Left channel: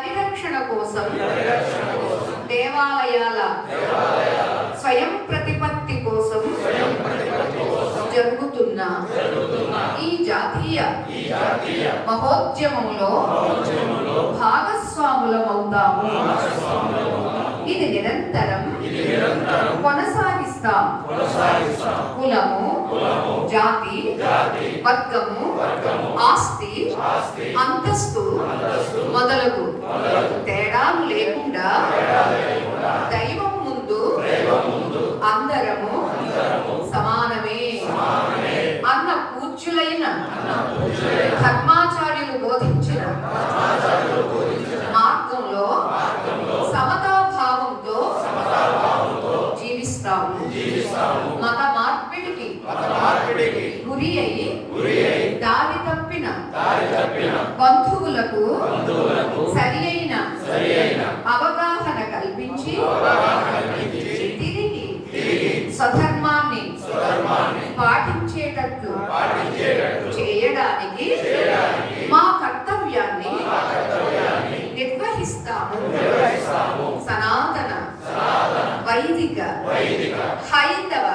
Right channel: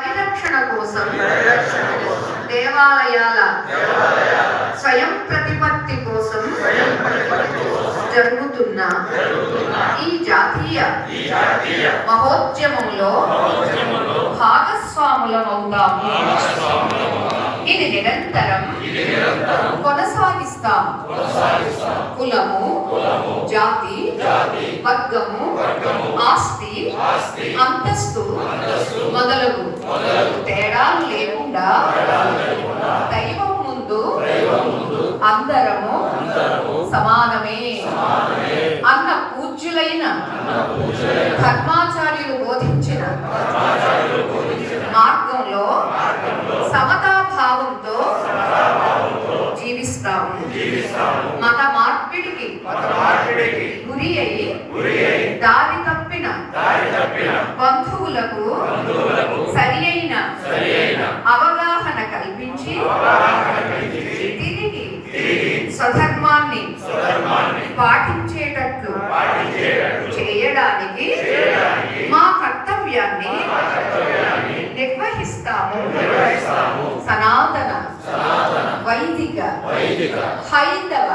పరిరక్షణ కోసం దేవాలయాల స్వయం ప్రతిపత్తి కోసం జరుగుతున్న ఈ జాతీయ మహోద్యమంలో భాగస్వాములమవుతాము. ఇది నిరంతరం కొనసాగిస్తాం. కులము, జాతి, వర్గము, ఆస్తి, అంతస్తు మొదలగు తేడాలు లేకుండా దైవం ముందు అందరము సమానమే అన్న పూజ్యులైన ధర్మాచార్యులు బోధించిన మార్గంలో సమతాభావంతో జీవిస్తాము. మత మార్పిడికి గురి అయి దారి తప్పిన బంధువులకు సరి అయిన అవగాహన కల్పించి తిరిగి స్వధర్మాన్ని పాటించేటట్లు చేయడానికి మా కర్తవ్యాన్ని నిర్వహిస్తాము. సనాతన వైదిక హైందవ